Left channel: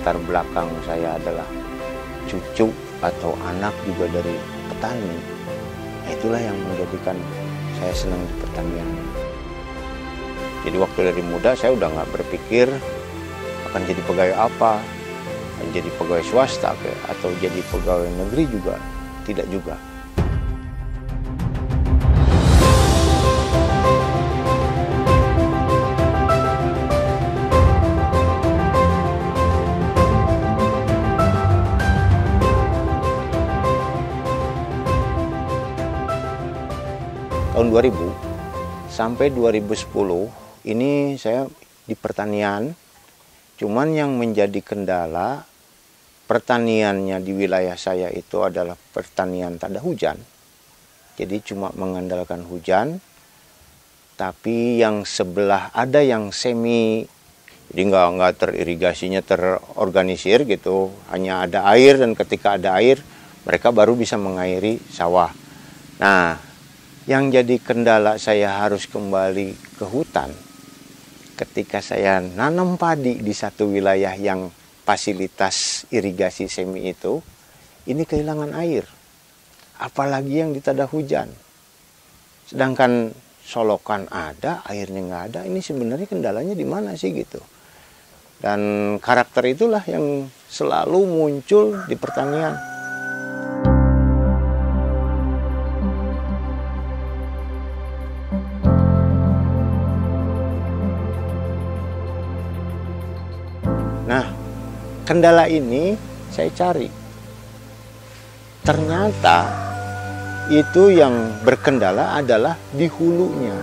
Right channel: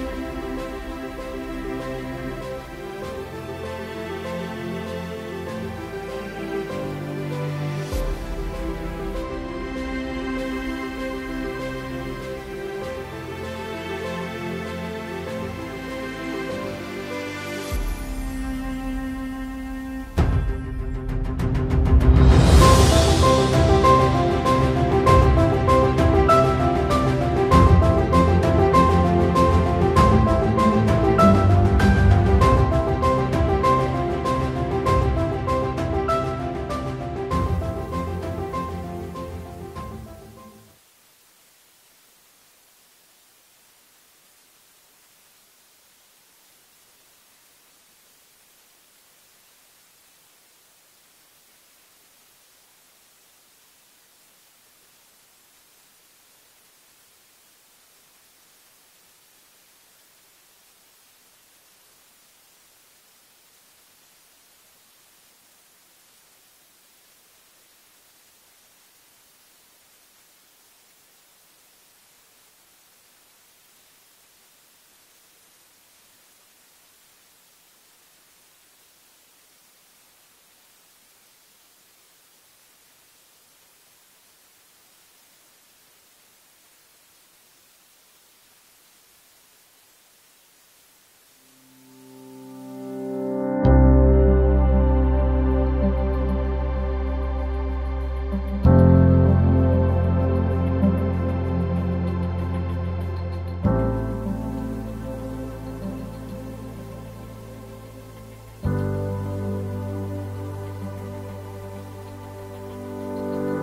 latar belakang saya adalah cucu atau anak juga dari petani. Itulah yang menjadikan saya senang pertanian. Jadi waktu dari muda saya udah nggak berpikir akan jadi pegawai apa, menjadi pegawai swasta atau jadi pegawai negeri juga, tidak juga. Tahun 2000 sampai 2010 ini saya di pertanian, cuman yang menjadi kendala pertaniannya di wilayah saya itu adalah pertanian tak ada hujan. Jadi cuma mengandalkan hujan, tapi yang sebelah ada yang semi, jadi nggak teririgasinya terorganisir gitu, hanya ada air dan ketika ada air mereka baru bisa mengairi sawah. Nah, yang jadi kendala saya harus kembali ke hutan ketika saya nanam padi di satu wilayah yang fasilitas irigasi semi itu, ini kehilangan air. Apalagi yang di tada hujan. Sedangkan solokan ada, airnya nggak ada, ini sebenarnya kendalanya di mana sih gitu. Dan karakter itulah yang selalu muncul di pertanian. Nah, kendala ini saya cari. Ternyata itu yang berkendala adalah di hulunya.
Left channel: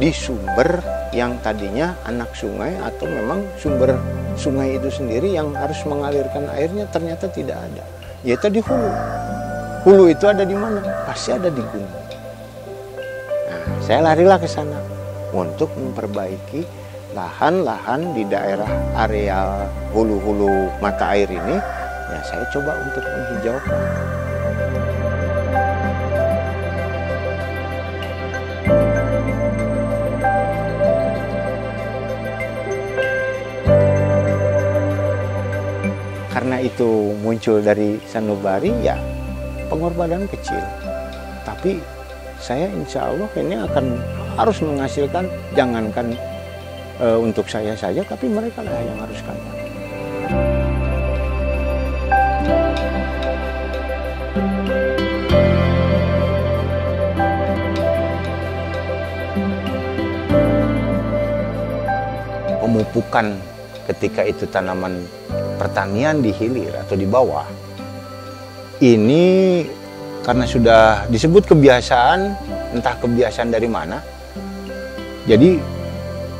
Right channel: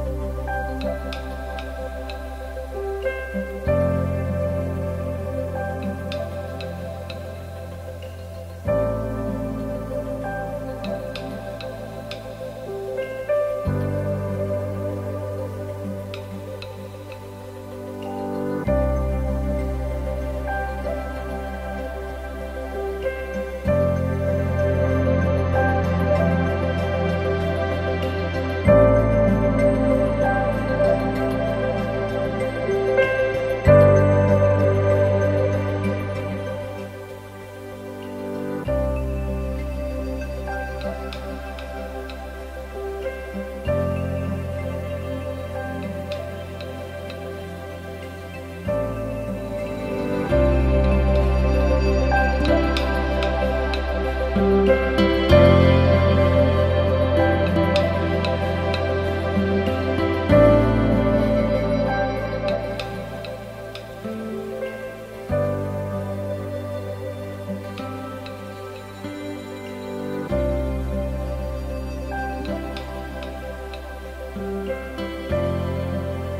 Di sumber yang tadinya anak sungai atau memang sumber sungai itu sendiri yang harus mengalirkan airnya ternyata tidak ada. Yaitu di hulu. Hulu itu ada di mana? Pasti ada di gunung. Nah, saya larilah ke sana untuk memperbaiki lahan-lahan di daerah area hulu-hulu mata air ini, ya saya coba untuk menghijaukan. Karena itu muncul dari sanubari, ya pengorbanan kecil. Tapi saya insya Allah ini akan harus menghasilkan, jangankan untuk saya saja, tapi mereka lah yang harus kami. Pemupukan ketika itu tanaman pertanian di hilir atau di bawah, ini karena sudah disebut kebiasaan, entah kebiasaan dari mana, jadi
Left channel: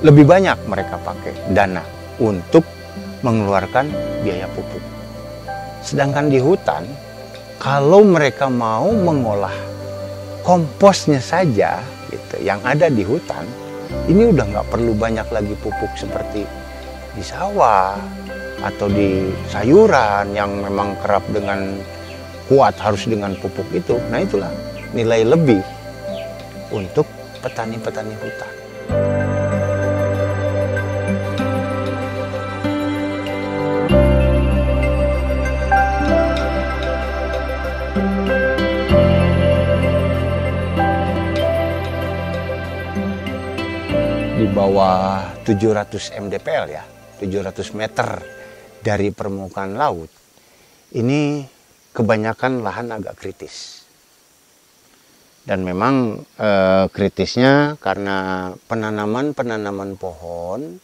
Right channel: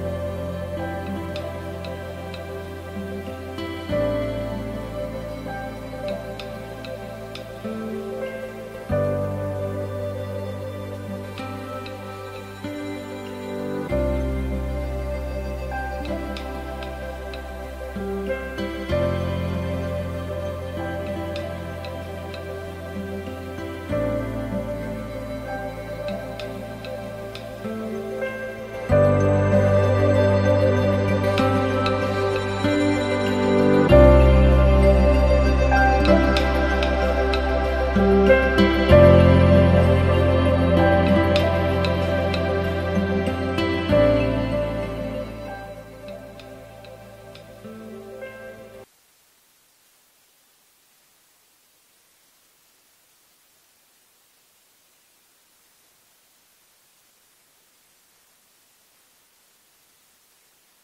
lebih banyak mereka pakai dana untuk mengeluarkan biaya pupuk. Sedangkan di hutan, kalau mereka mau mengolah komposnya saja, gitu, yang ada di hutan, ini udah nggak perlu banyak lagi pupuk seperti di sawah atau di sayuran yang memang kerap dengan kuat harus dengan pupuk itu. Nah itulah nilai lebih untuk petani-petani hutan. Di bawah 700 mdpl ya, 700 meter dari permukaan laut, ini kebanyakan lahan agak kritis. Dan memang kritisnya karena penanaman pohon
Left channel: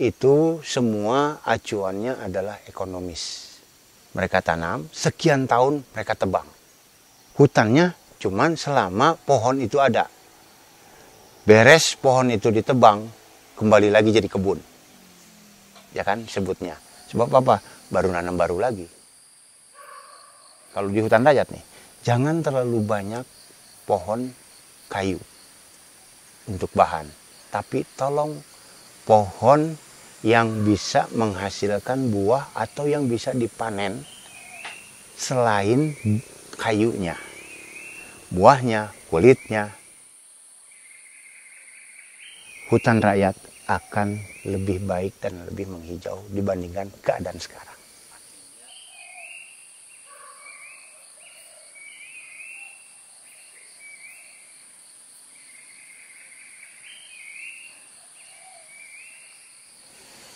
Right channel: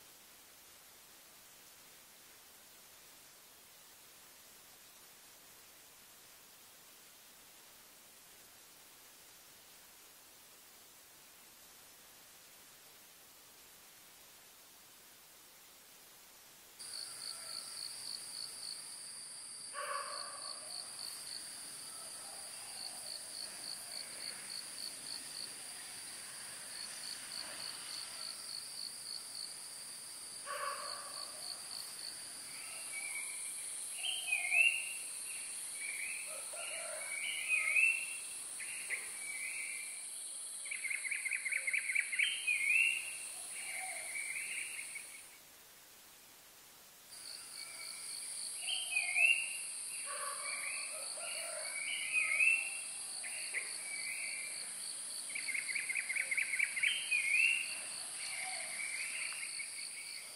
itu semua acuannya adalah ekonomis. Mereka tanam, sekian tahun mereka tebang. Hutannya cuman selama pohon itu ada. Beres pohon itu ditebang, kembali lagi jadi kebun. Ya kan sebutnya. Sebab apa? Baru nanam baru lagi. Kalau di hutan rakyat nih, jangan terlalu banyak pohon kayu untuk bahan. Tapi tolong pohon yang bisa menghasilkan buah atau yang bisa dipanen selain kayunya, buahnya, kulitnya. Hutan rakyat akan lebih baik dan lebih menghijau dibandingkan keadaan sekarang.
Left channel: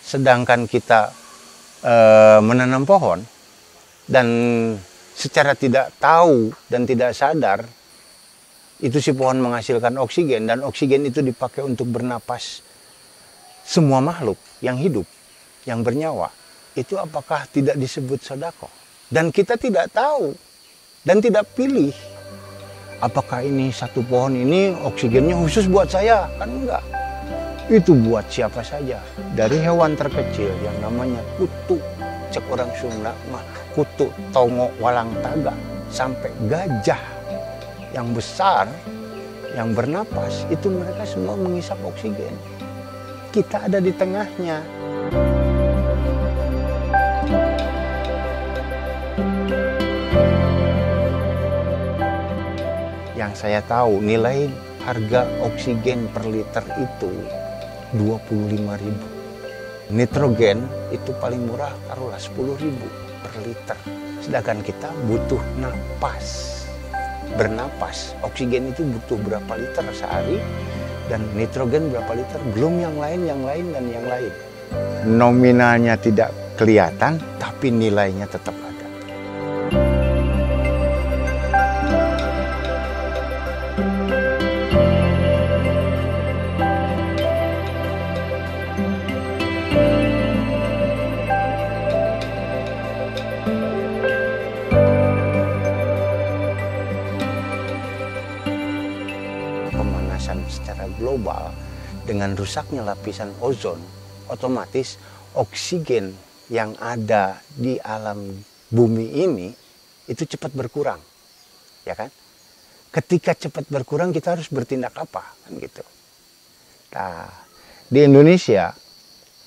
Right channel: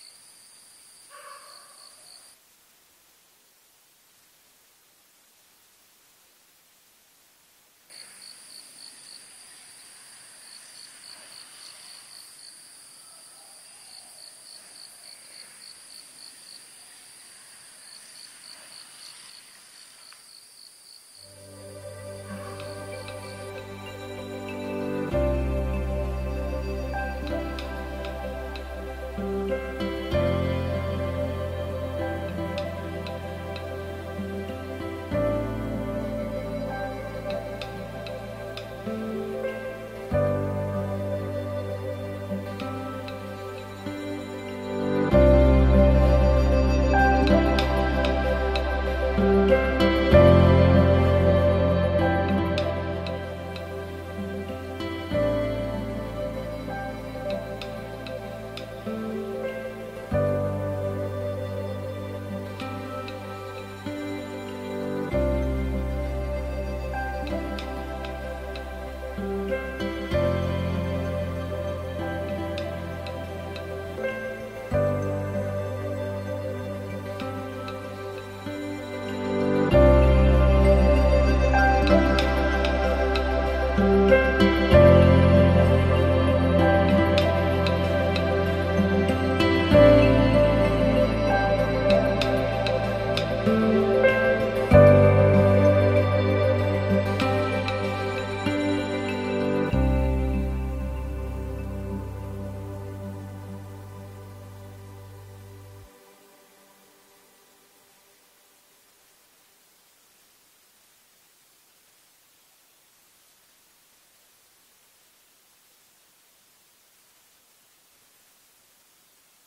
Sedangkan kita menanam pohon dan secara tidak tahu dan tidak sadar itu si pohon menghasilkan oksigen dan oksigen itu dipakai untuk bernapas semua makhluk yang hidup, yang bernyawa. Itu apakah tidak disebut sedekah? Dan kita tidak tahu dan tidak pilih apakah ini satu pohon ini oksigennya khusus buat saya, kan enggak. Itu buat siapa saja. Dari hewan terkecil yang namanya kutu, cek orang Sunda mah kutu tongo walang taga, sampai gajah yang besar yang bernapas, itu mereka semua menghisap oksigen. Kita ada di tengahnya. Yang saya tahu nilai harga oksigen per liter itu 25.000. Nitrogen itu paling murah taruhlah 10.000 per liter. Sedangkan kita butuh napas, bernapas. Oksigen itu butuh berapa liter sehari dan nitrogen berapa liter, belum yang lain dan yang lain. Nominalnya tidak kelihatan tapi nilainya tetap ada. Secara global dengan rusaknya lapisan ozon, otomatis oksigen yang ada di alam bumi ini itu cepat berkurang, ya kan? Ketika cepat berkurang kita harus bertindak apa, kan gitu. Nah, di Indonesia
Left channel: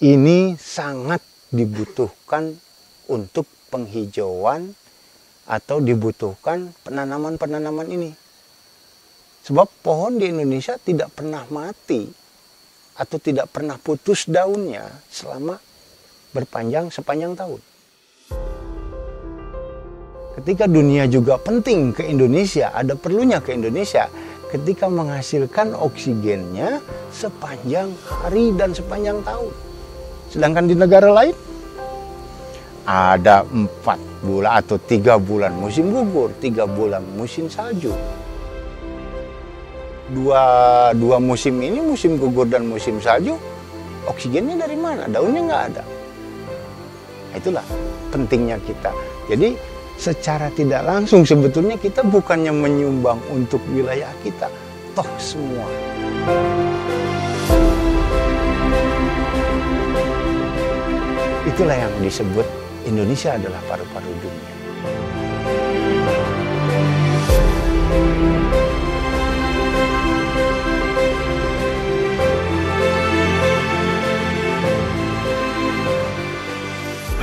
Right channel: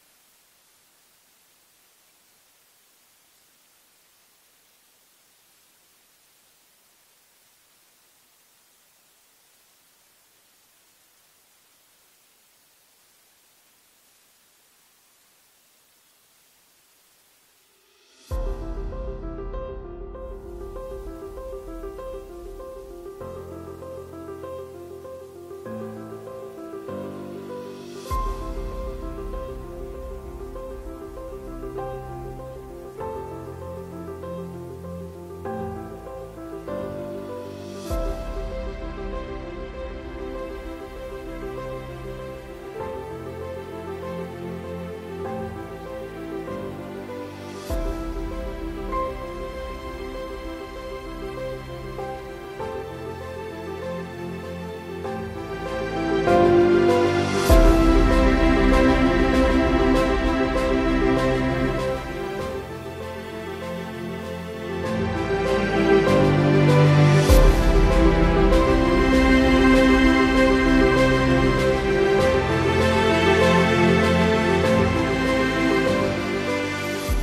ini sangat dibutuhkan untuk penghijauan atau dibutuhkan penanaman-penanaman ini. Sebab pohon di Indonesia tidak pernah mati atau tidak pernah putus daunnya selama sepanjang tahun. Ketika dunia juga penting ke Indonesia, ada perlunya ke Indonesia ketika menghasilkan oksigennya sepanjang hari dan sepanjang tahun. Sedangkan di negara lain ada 4 bulan atau 3 bulan musim gugur, 3 bulan musim salju. Dua musim ini, musim gugur dan musim salju, oksigennya dari mana? Daunnya nggak ada. Itulah pentingnya kita. Jadi secara tidak langsung sebetulnya kita bukannya menyumbang untuk wilayah kita, toh semua. Itulah yang disebut Indonesia adalah paru-paru dunia.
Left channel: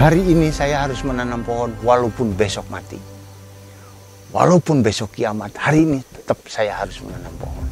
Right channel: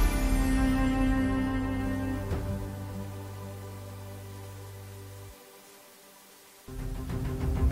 Hari ini saya harus menanam pohon walaupun besok mati. Walaupun besok kiamat, hari ini tetap saya harus menanam pohon.